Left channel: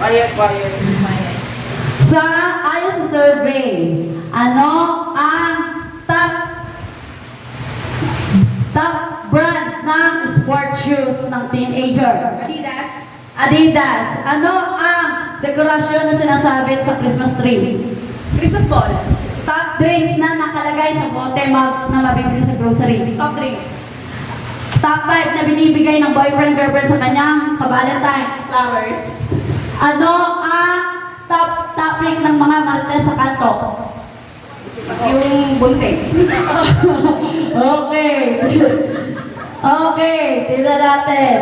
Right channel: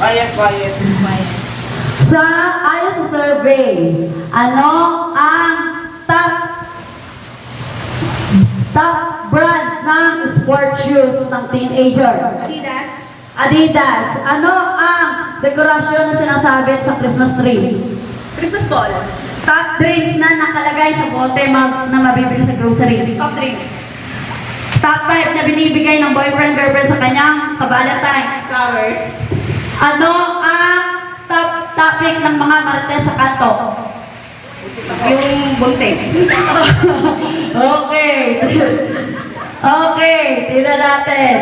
Quiet. Ayon sa survey, ano ang top brand ng sport shoes ng teenager? Adidas. Ano ang dekorasyon na sinasabit sa Christmas tree? Christmas ball. Top drinks na nakalagay sa bote na mabibili sa grocery. Soft drinks. Top 5 na binibigay ng boyfriend-girlfriend sa kanyang ka-Valentine. Flowers. Ano ang top topic ng mga marites sa kanto? Yung buntis. Okay. Okay, tingnan natin.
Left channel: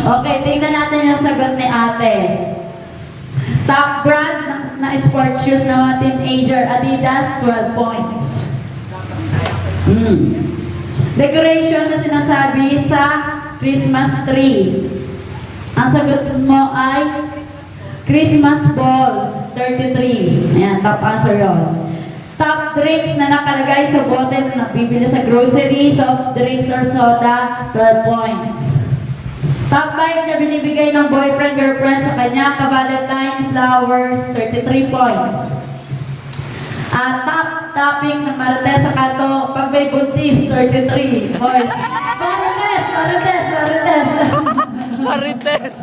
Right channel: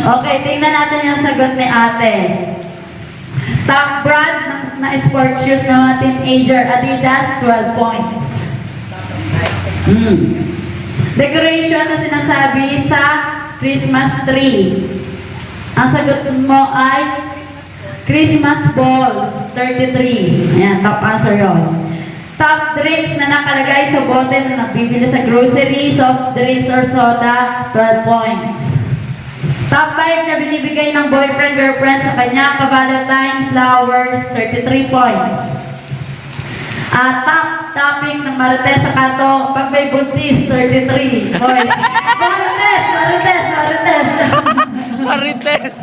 Okay, tingnan natin yung sagot ni ate. Top brand na sport shoes ng mga teenager, Adidas, 12 points. Decoration na sinasabi sa Christmas tree. Ang sagot mo ay Christmas balls, 33. Ayan, top answer yun. Top drinks na nakalagay sa bote na nabibili sa grocery, soft drinks or soda, 12 points. Top 5 na binibigay ng boyfriend-girlfriend sa kanya ka-Valentine, flowers, 33 points. Top topic ng marites sa kanto, pag may buntis, 33 points. Marites! Marites!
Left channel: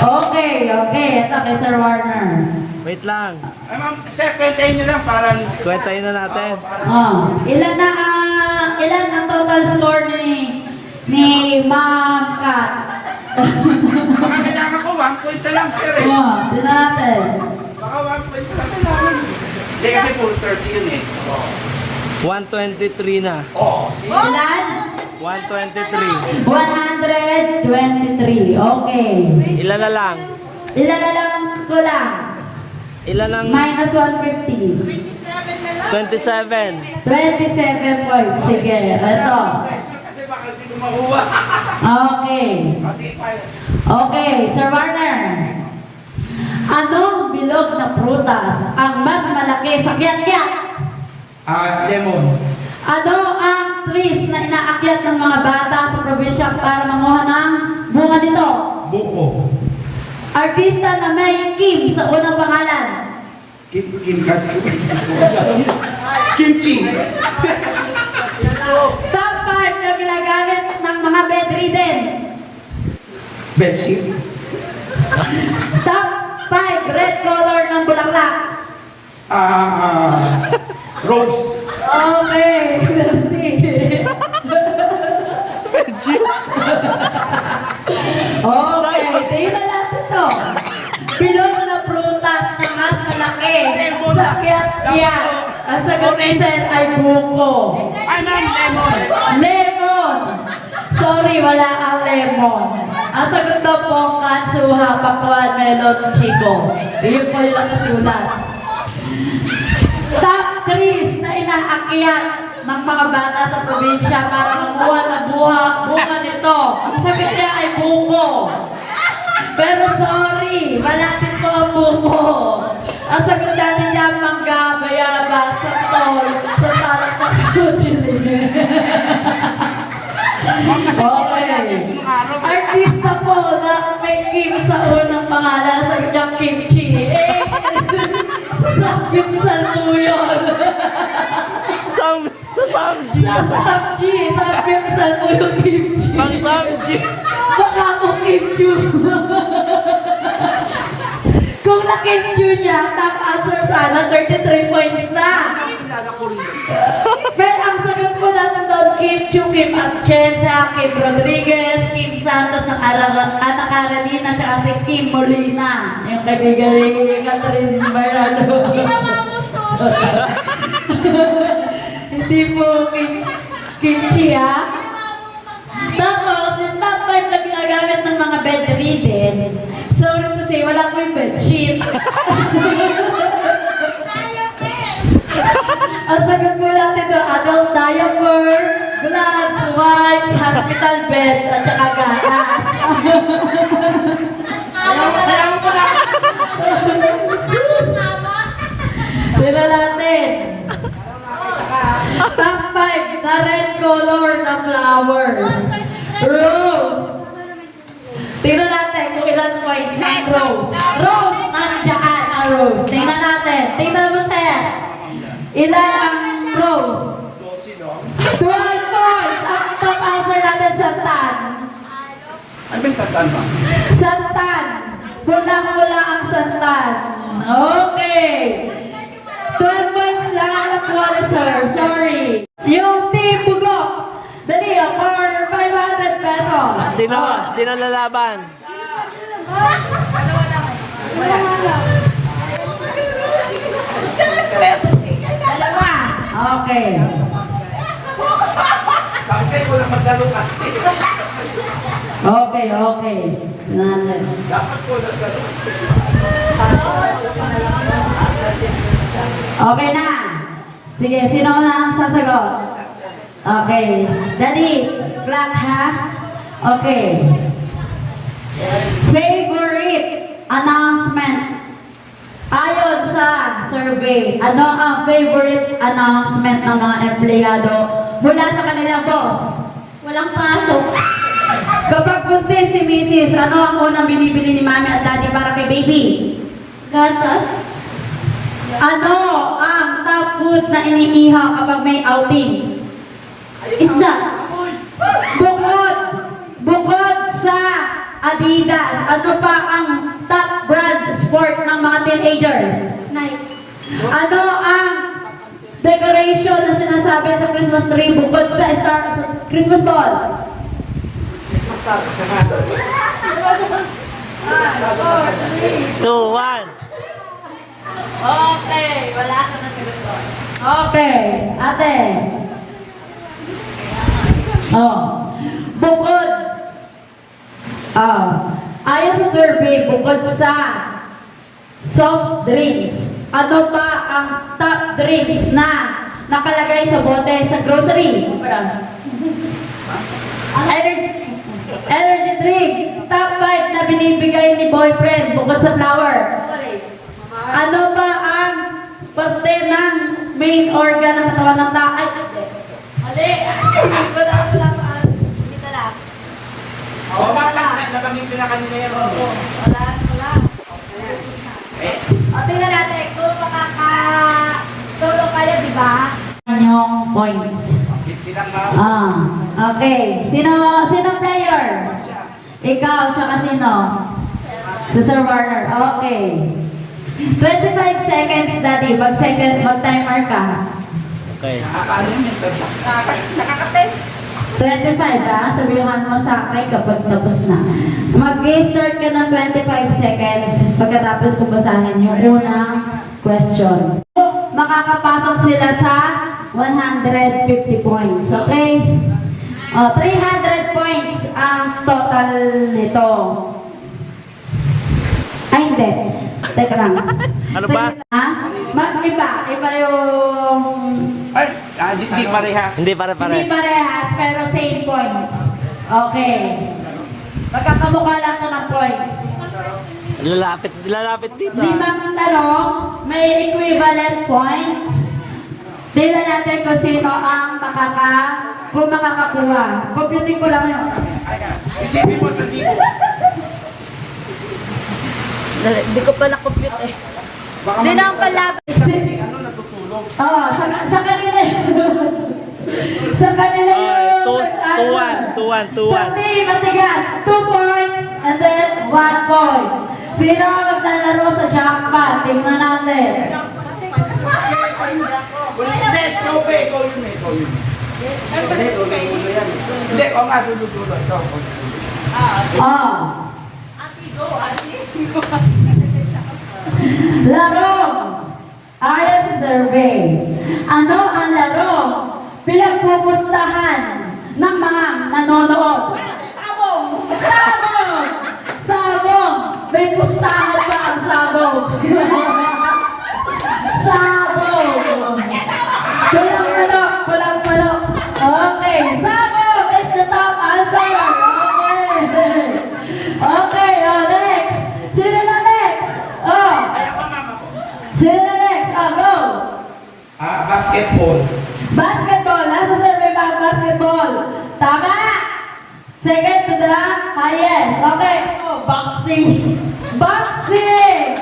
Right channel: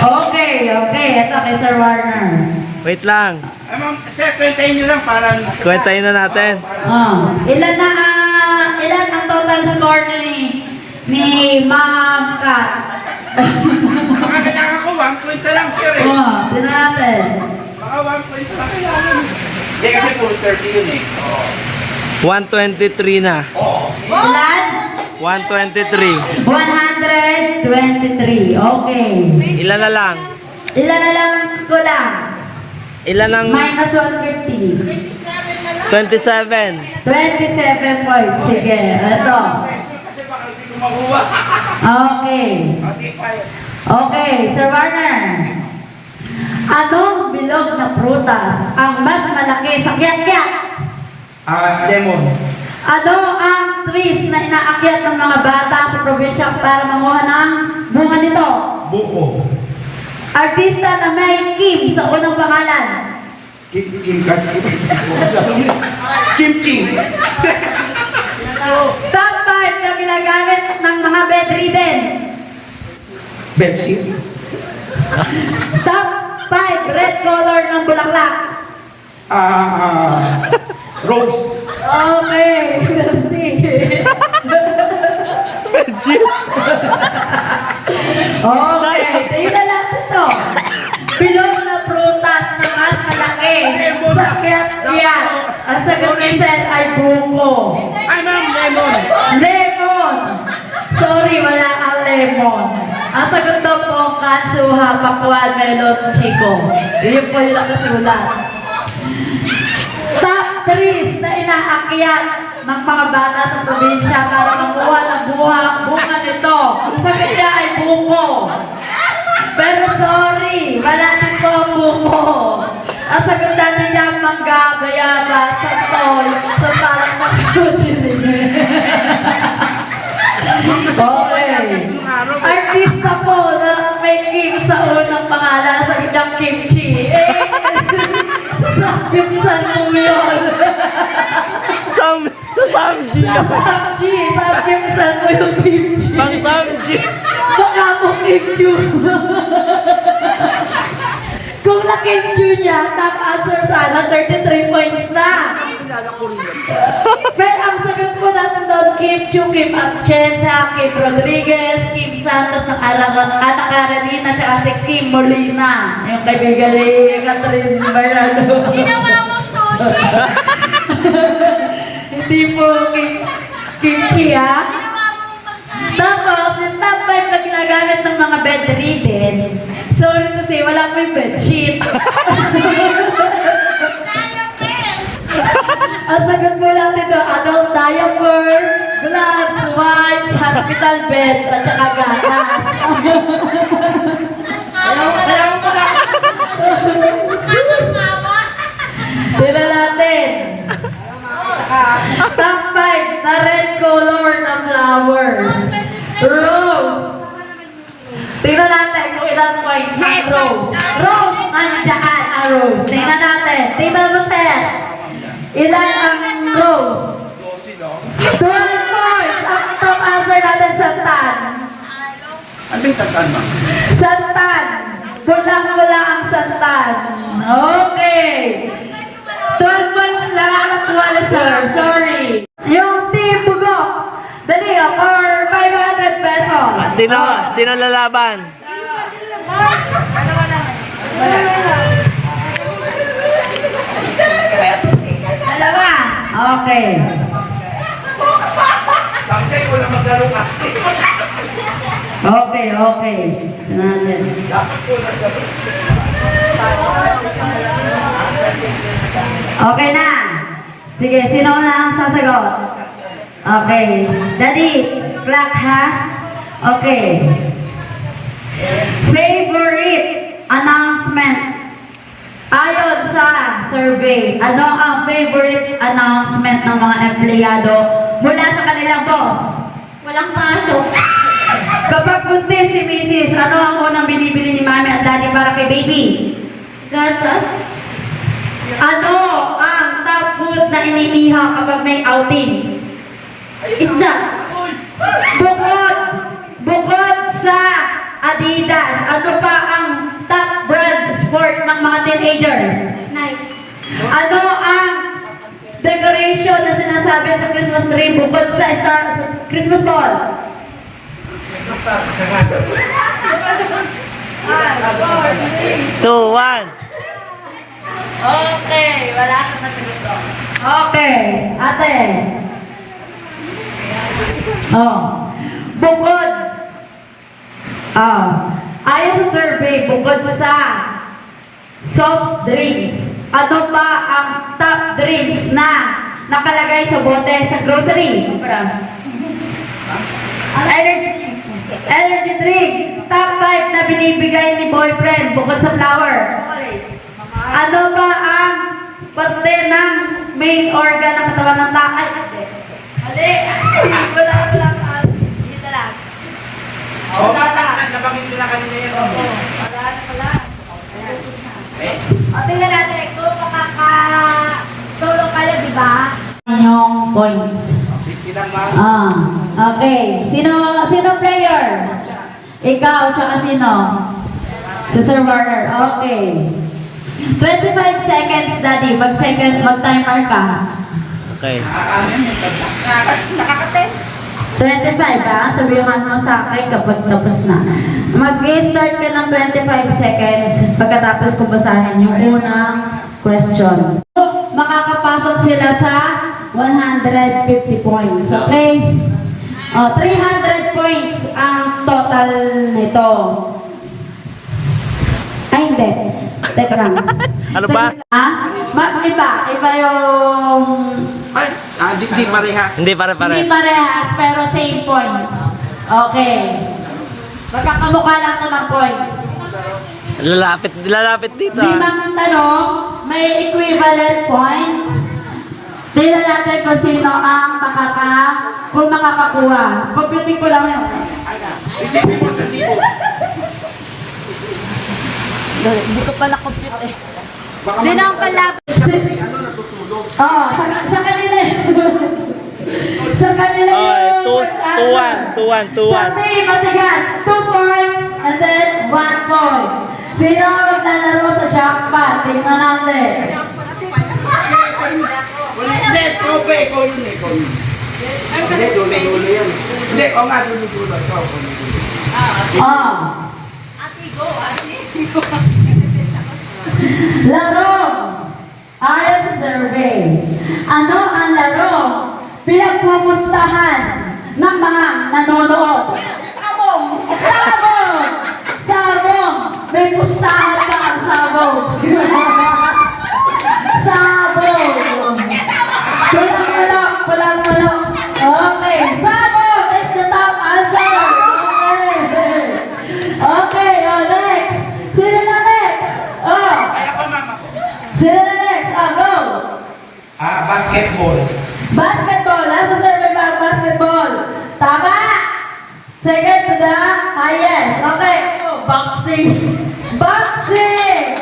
Okay. Ito kay Sir Warner. Wait lang. Ma'am, sir, kwentahin nyo lang parang... Kwentahin na natin. Ilan ang total score ni Ma'am Kat? Baka kailangan ko 1 point na lang, sir eh. Tignan natin. Baka 1 point na lang kailangan. Hindi kasi full 30 yun eh. 123 na. Ilan? 123. 123. Okay. Ilan na lang? Ilan na lang ko lang? Ilan ang Minus 150. 27? 27 points. Sige, ito. Kasi baka hindi ko makuha. Okay. Sige, quiet. Okay, Sir Warner. Anong bilog na prutas ang mas malaki sa kiyat-kiyat? Lemon. Ano ang trees na inaakyat ng mga bata sa probinsya para manguha ng bunga nito? Buko. Artista na may Kim sa unang pangalan. Kimchi. Top 5 na ginagamit ng mga bedridden. Bedsheet. Top 5 red color ng bulaklak. Rose. Okay, merci. Okay, tingnan na lang ito. Bilog na prutas na mas malaki sa kiyat-kiyat. Ang sagot ni Sir ay buko. Ay, ma'am, lemon. Lemon! Sorry, wala ang lemon. Ang sagot daw po, kansuha, pakwan, melon, chico. Iyon po yung nakasulat. Top 3 na inaakyat ng mga bata sa probinsya para makuha ng bunga nito. Ang sagot niya ay buko. Pero sorry, wala dito ang buko. Ang sagot natin niya mangga, bayaba, santol, sa parang mag-kuchiling. Okay. Artista po na may Kim sa unang pangalan, sabi niya kimchi. Sakimsan mo yun. Sa Samji. Sakimsan mo yung kimchi. Pang Samji. Baka mo kimchi. Kung na-kimchi niya, top answer sana, 33 points na. Pero ang sagot ko natin doon, Kim Chu, Kim Archesa, Kim Rodriguez, Kim Santos ng Ata Carolina, tsaka si Kim Molina. Yung kaibigan ni Catherine Barrado. Ginawa mo sushi. Hindi po kimchi, ha? Tapos, yung top 5 na ginagamit ng mga bedridden, sorry to say, wala ko yung bedsheet. Ang sagot ko lang dito, adult diaper, gloves, wipes, hospital bed, at saka gatas. Ayaw ko na. Tila natin. Top 5 na red color na flowers. Rose. Tingnan natin kung ilang points ng Rose. Rose, nandiyan ang Rose. Tingnan natin. Tingnan mo, sir. Ilan ang Rose? 12 points. Ang top answer natin, Santan. Ano yung santan ba? Santan. Pulang-pula ang Santan. Okay. 12 points lang ang actual, sir. Sorry. Yung team Bugok. Dali, for 500 pesos. Sino lalaban? Dalawa. Okay. Sabi sa'yo ko lang maglaro kasi. Okay, okay. Natin. Dapat ko maglaro. Okay na. Sige, sino na ang sasagot? Okay. Daddy, clock ha? Okay. Favorite announcement. Ayon sa survey, ano ang favorite announcement ng mga empleyado mula sa kanilang boss? Walang pasok. Kapag buntis si Mrs., ano ang unang binibili ni Mami at Daddy para kay baby? Gatas. Ano ang top food na iniihaw kapag may outing? Isda. Bukod sa Adidas, ano pa ang top brand sport ng mga teenagers? Night. Ano ang decoration na sinasabi sa Christmas tree bukod sa Christmas ball? 2-1. Okay, wala ka na sagot. Okay, ate. Oh. Bukod. Ayon sa survey, bukod sa soft drinks, ano pa ang top drinks na nakalagay sa bote sa grocery? Energy drink. Top 5 na binibigay ni boyfriend bukod sa flower. Ano ba ang parte ng main organ ng katawan ng tao? Hindi. Wala lang. Dito lang. Wala lang. Nabanggit ko na kanina yan. Wala. Eh, O, tingnan natin kung makaka-solo kayo, di ba? Yung points. kitang ma. Okay. Sino player? Ikaw, tsaka sino? Si Sir Warner. Okay. 25 seconds, Daddy. Mag-timer ka. Okay. Nakaka-tense. 25, ha? Sabihan mo sa akin kapag tapos na. Mag-start ka ng 25 seconds pagkatapos ko basahin yung unang question. Makakapasok sila sa 150 points. Okay? 300 points ang total nito. Ay, hindi. Teka lang. Ano ba? Ha? Iba yung... Ay, di parehas. Hindi pare-pare. Hindi parehas, pero same points. Okay. Magkakamukha lang ito ng points. Lalapit dito ah. Limang tanong, may equivalent points. Tingnan natin kung sino ang makakakuha. Computing ko lang yun. Isipin mo sa tipo. Hindi ko pala compute eh. Baka Sino ang palabas? ano natutulog. Sa kanila yun. Sa kanila Ay, yun. First answer. 2-1. Sa team, matigas. 2 points and then 1 point. Sino ang maglalaro sa jackpot? Tingnan natin. Hindi, trope. Ikaw yun eh. Ikaw yun. Hindi, dulo-dulo yan. Hindi, o nga, dulo-dulo. Ikaw, dulo-dulo. Laro. Ayon sa survey, ano ang laro pinagpupustahan ng mga nanonood? Sabong! Sabong! May pustahan ba ang sabong? Sabong! Walang manok. Okay, sabong is the top answer. Okay, next. Sino na next? Kaya ko, mama ko. Sino na next? Go! Basketball. Basketball. Nasa survey ba ang basketball? Tama! Yes. Okay. Oh, boxing. Boxing.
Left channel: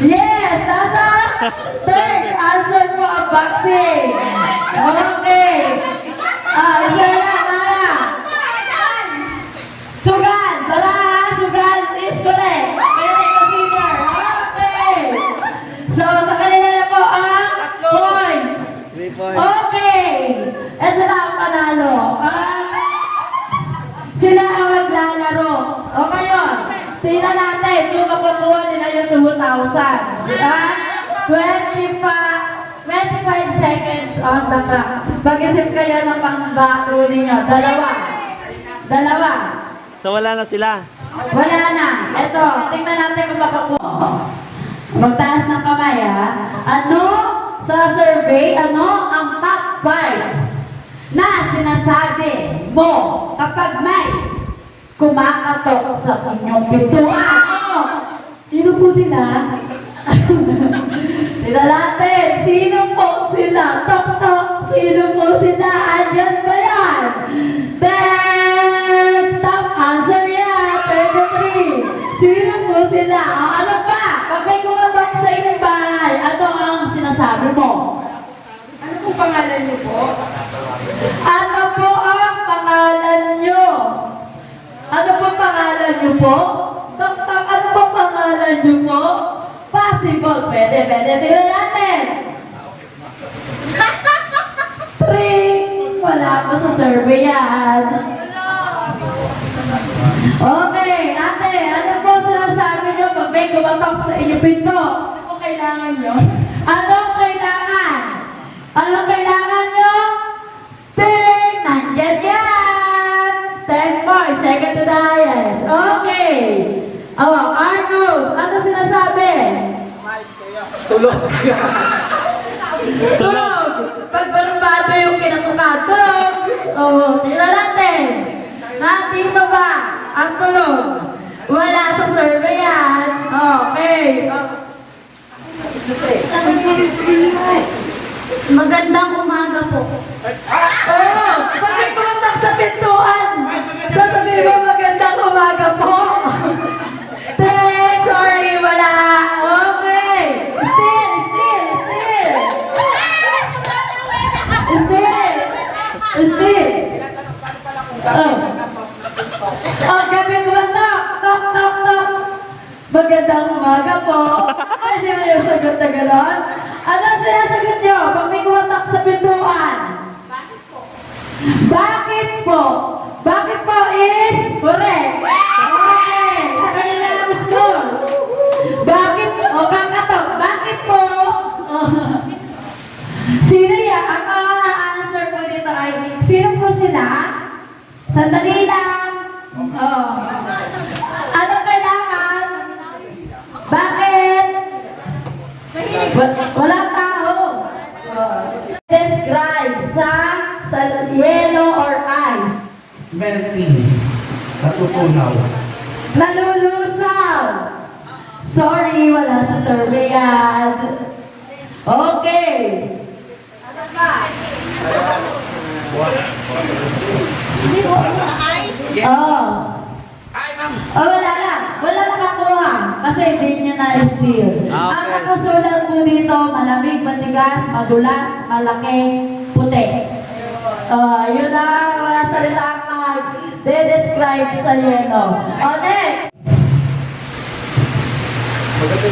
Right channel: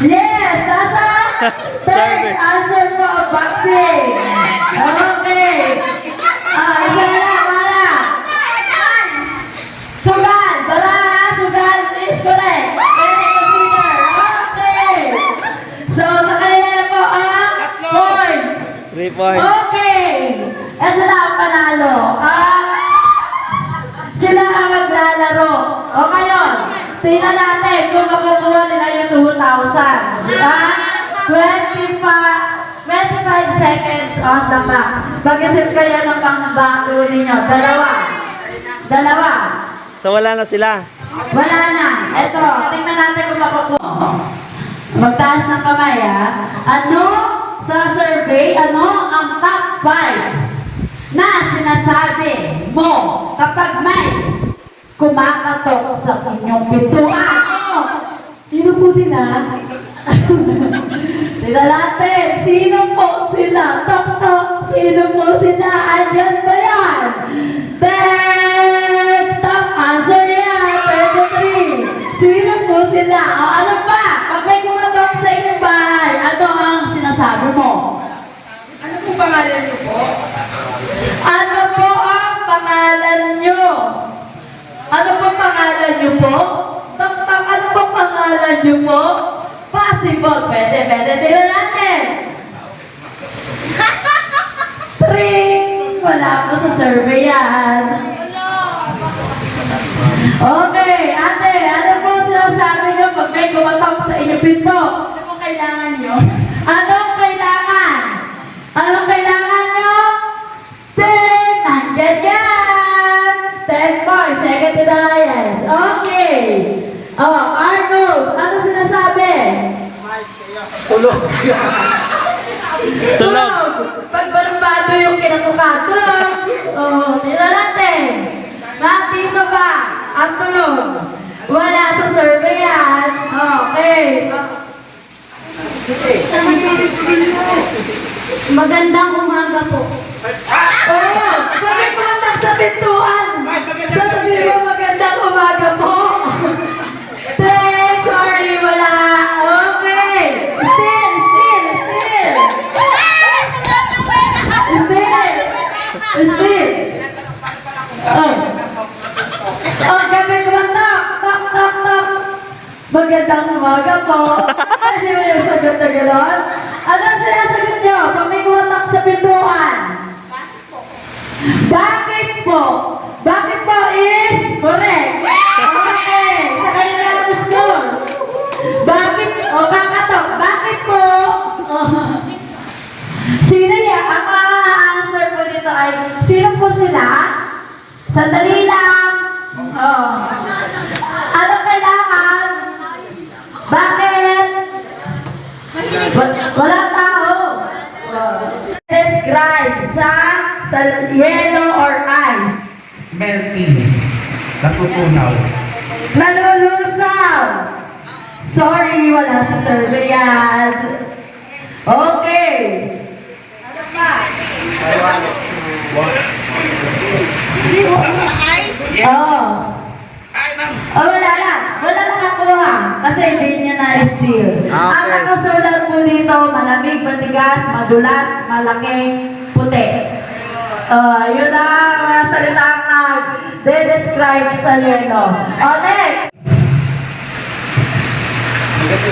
Yes. Nasa third Survey. answer po ang boxing. Okay. Isa na lang, Mara. Sugal. Tara, ha? Sugal is correct. Very consider. Okay. So, sa kanila na po ang point. 3 points. Okay. Ito na ang panalo. Sila ang maglalaro. O ngayon, tingnan natin kung makukuha nila yung 2,000. Diba? 25 seconds on the clock. Pag-isip kayo ng pang-bato ninyo. Dalawa. So wala na sila. Wala na. Ito, tingnan natin kung makukuha. Magtaas ng kamay, ha? Ano sa survey, ano ang top 5 na sinasabi mo kapag may kumakatok sa inyong pintuan? Sino po sila? Sila natin. Sino po sila? Tok-tok. Sino po sila? Ayan ba yan? Then, top answer yan. 23. Sino po sila? O, ano pa? Pag may kumatok sa inyong bahay, ano ang sinasabi mo? Ano po pangalan niyo po? Ano po ang pangalan nyo? Ano po pangalan nyo po? Tok-tok, ano po pangalan nyo po? Possible. Pwede. Tingnan natin. 3. Wala po sa survey yan. Okay, ate, ano po sinasabi nyo pag may kumatok sa inyong pinto? Ano po kailangan nyo? Anong kailangan? Anong kailangan nyo? Nandiyan yan! 10 points, second to the highest. Okay. Oh, Arnold, ano sinasabi? Tulog. Pag barumbado yung kinatukatog. Oh, tingnan natin. Dito ba ang tulog? Wala sa survey yan. Okay. Magandang umaga po. Oh, pagkikontak sa pintuan. Sasabihin mo magandang umaga po. Thanks, sorry, wala. Okay. Still. Oh, gabi kumatok. Tok. Magandang umaga po. Hindi mo yung sagot na gano'n? Anong sinasagot nyo pag may kumatok sa pintuan? Bakit po? Bakit po is correct. Okay. Sa kanila ang score. Bakit? O, kakatok. Bakit po? Sino yan? Ang answer po dito ay, sino po sila? Sandali lang. Anong kailangan? Bakit? Walang tao. Describe sa yellow or ice. Melting. Natutunaw. Nalulusaw. Sorry, wala sa survey yan. Okay. Wala na. Wala na nakuha. Kasi hindi niya na-steal. Okay. Ang nakasulat po dito, malamig, matigas, madulas, malaki, puti. Yun ang mga salitang nag-describe sa yelo. Okay.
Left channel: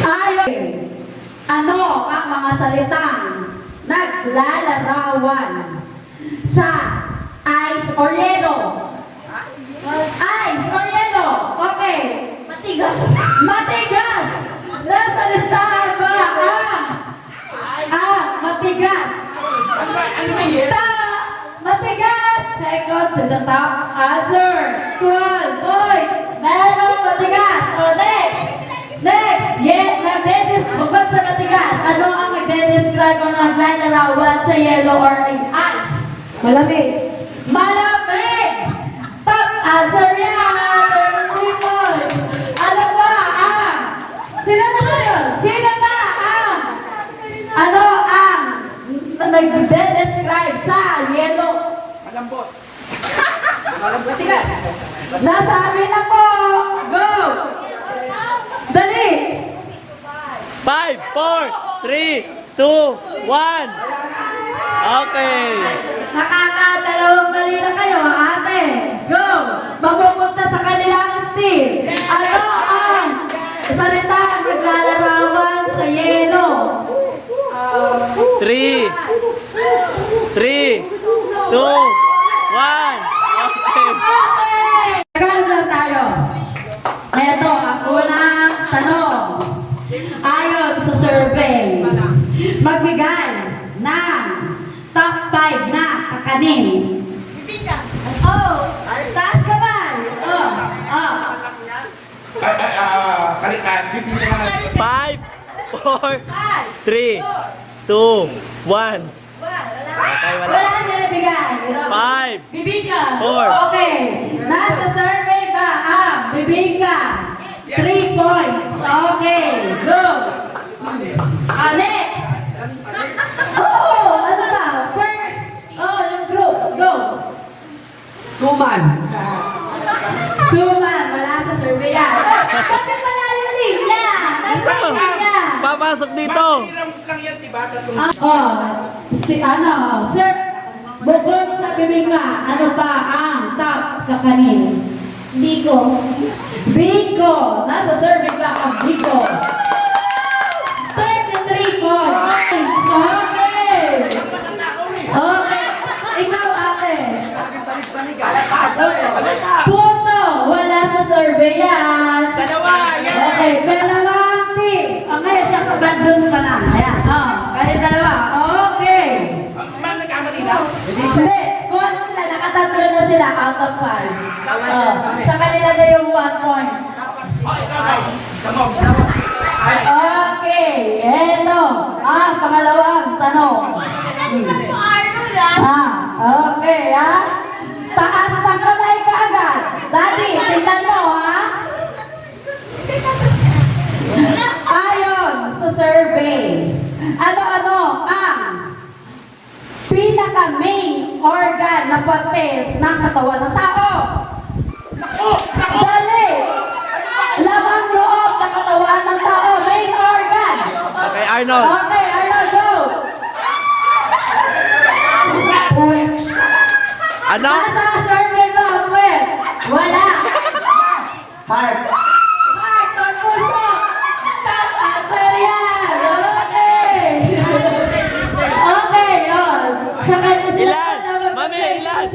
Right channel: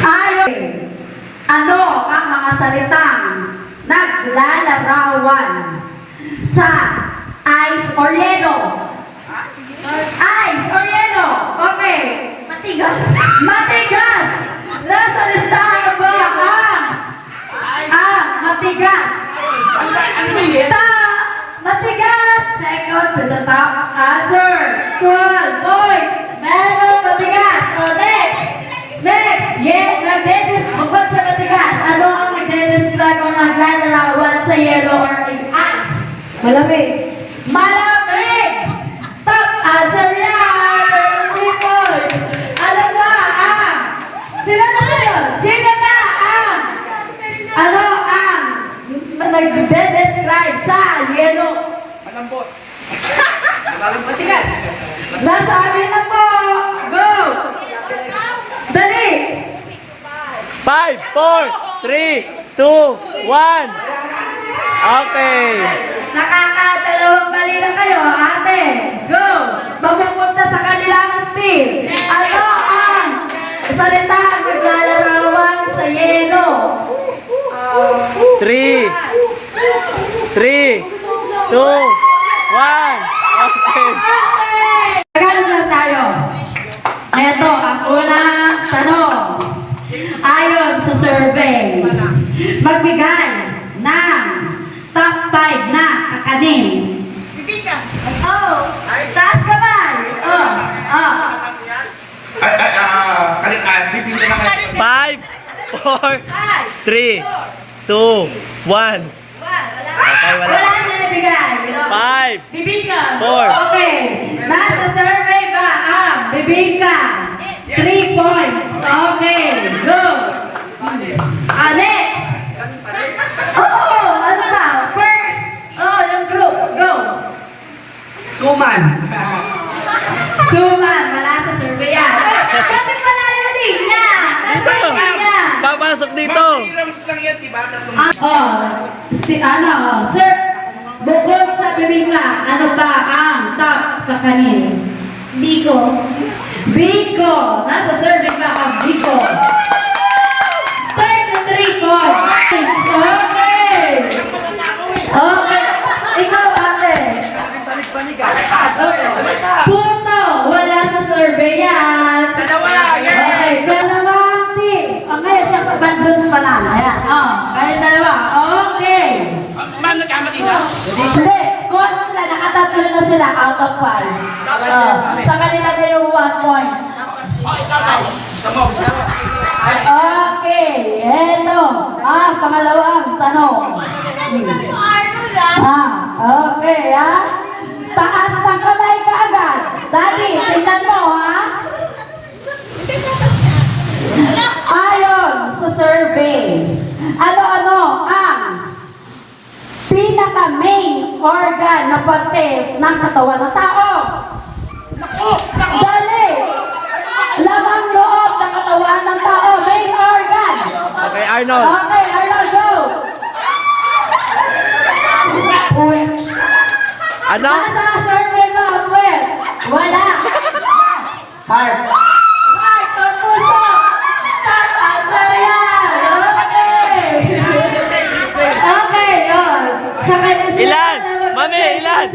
Ayon. Ano ang mga salitang naglalarawan sa ice or yelo? Ice or yelo. Okay. Matigas. Nasa listahan ba ang matigas? Matigas. Second to the top answer. 12 points. Meron matigas. O next. Bukod sa matigas, ano ang nagde-describe ang naglalarawan sa yellow or ice? Malamig. Top answer yan. 3 points. Alam ba ang? Sino na ang? Ano ang nagde-describe sa yellow? Malambot. Matigas. Nasabi na po. Go. Dali. 5, 4, 3, 2, 1. Okay. Nakakadalawang mali na kayo, ate. Go. Mapupunta sa kanilang steam. Ano ang salita ang naglalarawan sa yelo? 3, 2, 1. Okay. Tagalog lang tayo. Ito ang unang tanong. Ayon sa survey, magbigay ng top 5 na kakanin. Oh, taas kamay. Bibigyan naman. 5, 4, 3, 2, 1. Okay, wala. Wala na nabigay. 5, Bibingka. 4. Okay. Nasa survey ba ang bibingka? 3 points. Okay. Go. Next. Oh, ano ba? First. Oh, yung group. Go. Kuman. Suman. Wala sa survey yan. Bakit wala yung linya? Dito. Nasa linya. Papasok dito. Mga 3 rounds lang yan, diba? Sir, bukod sa bibingka, ano ba ang top kakanin? Biko. Biko! Nasa survey ba ang Biko? 33 points! Okay! Okay! Ikaw, ate! Okay. Puto! Wala sa survey yan! Dalawa, yan! Okay, dalawang team! Okay, sa bandun pa lang. Ayan, kayo dalawa. Okay! Ma'am, nagkamali na? Hindi, kung sila, nakatatlo na sila out of 5. Sa kanila na yung 1 point. Sama mo. Okay, eto ang pangalawang tanong. Okay, taas ng kamay ka agad. Daddy, tingnan mo, Ayon sa survey, ano-ano ang pinaka-main organ na parte ng katawan ng tao? Dali! Lamang loob ng katawan ng tao, main organ. Okay, Arnold. Okay, Arnold, go! Ano? Nasa survey mo, Web? Wala. Heart. Heart or puso? Top answer yan. Okay. Okay, yun. Sa kanya sila. Ilan? Mami, ilan?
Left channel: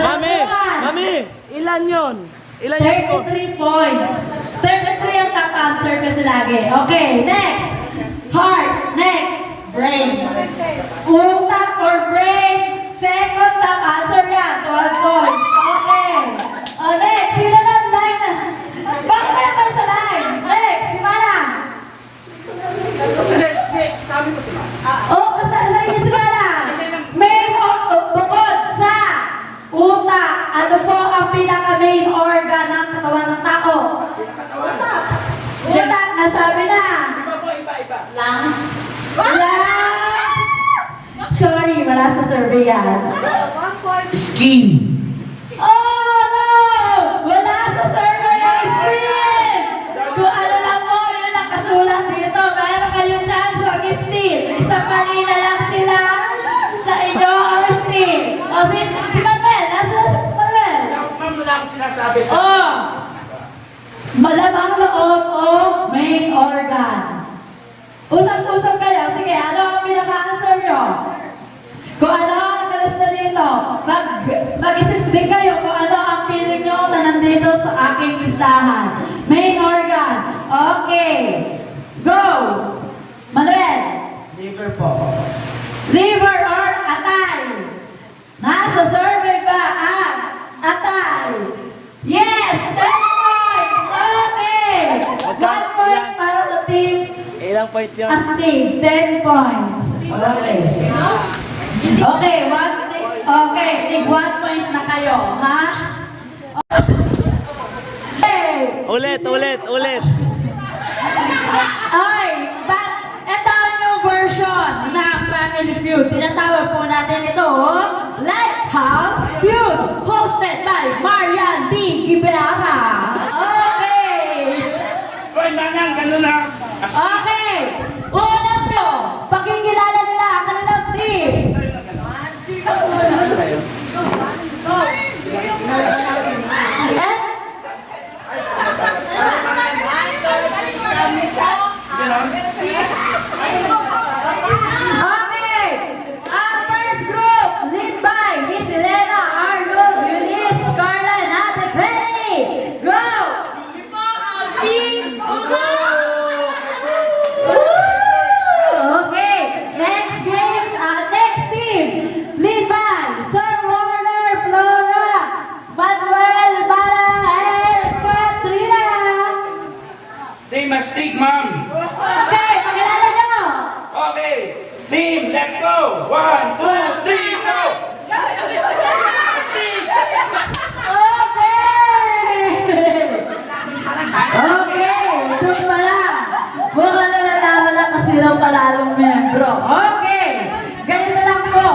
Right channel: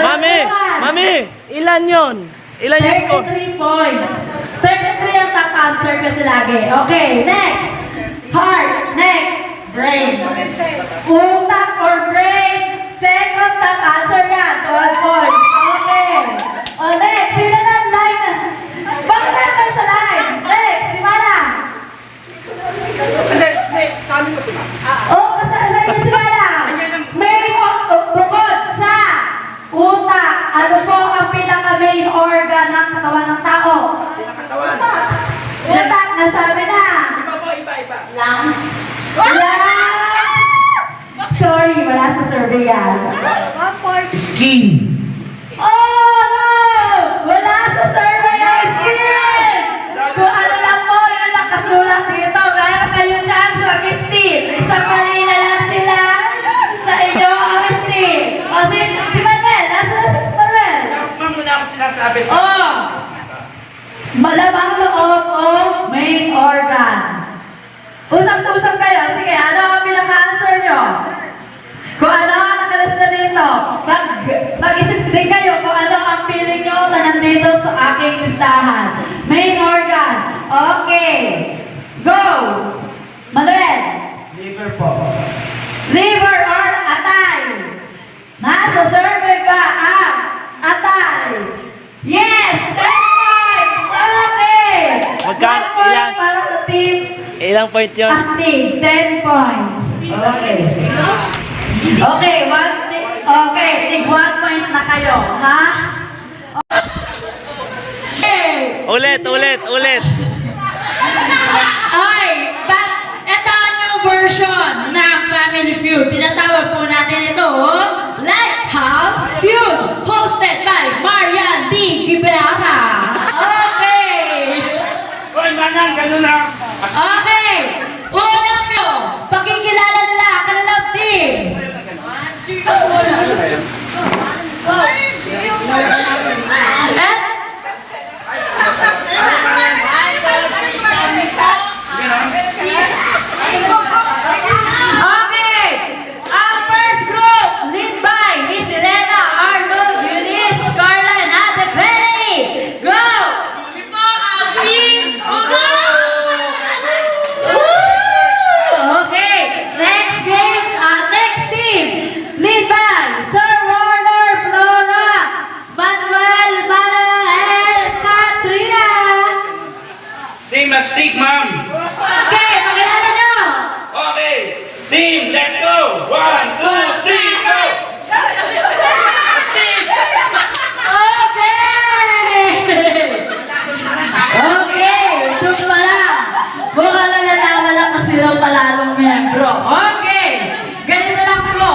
Mami, mami, ilan yon? Ilan yung score? 33 points. 33 ang top answer kasi lagi. Okay, next. Heart. Next. Brain. Utak or brain. Second top answer yan. 12 points. Okay. O next. Sino na ang line na? Bakit natin sa line? Next. Si Mara. Hindi, sabi mo sila. Kasama niya si Mara. May bukod sa utak. Ano po ang pinaka-main organ ng katawan ng tao? Pinakatawan. Utak, nasabi na. Iba po, iba. Lungs. Sorry, wala sa survey yan. Skin. Oh, no! Wala sa survey ang skin! Kung ano lang po, yun ang kasulat dito. Meron kayong chance mag-steal. Isang mali na lang sila sa inyo ang steal. O, si Manuel, nasa si Manuel? Ma'am, wala ko sinasabi sa... Oh! Malamang loob o main organ. Usap-usap kayo. Sige, ano ang pinaka-answer nyo? Kung ano ang nakalas na dito, mag-isip din kayo kung ano ang feeling nyo na nandito sa aking listahan. Main organ. Okay. Go! Manuel. Liver po. Liver or atay? Nasa survey ba ang atay? Yes! 10 points! Okay! Magka- 1 point ilan? para sa team Ilang point yun? Astig. 10 points. Okay. Okay, okay, tig 1 point na kayo, ha? Okay. Ulit. Ay, ito ang yung version ng Family Feud. Tinatawag po natin ito, Lighthouse Feud, hosted by Marian D. Rivera. Okay. Hoy, manang, ganun na. Okay. Unang nyo, pakikilala nila ang kanilang team. Eh? Okay. Our first group, led by Miss Elena, Arnold, Eunice, Carla, and Ate Penny. Go! Okay. Next team, led by Sir Warner, Flora, Manuel, Mana, and Katrina. Team Astig, ma'am. Okay, pakilala nyo. Okay. Team, let's go. 1, 2, 3, go. Astig. Okay, ito pala. Mukhang nalalaman lang kasi raw palalong miyembro. Okay, ganito lang po.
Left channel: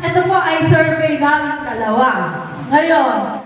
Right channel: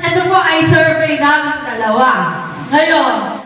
Ito po ay survey namin dalawa. Ngayon,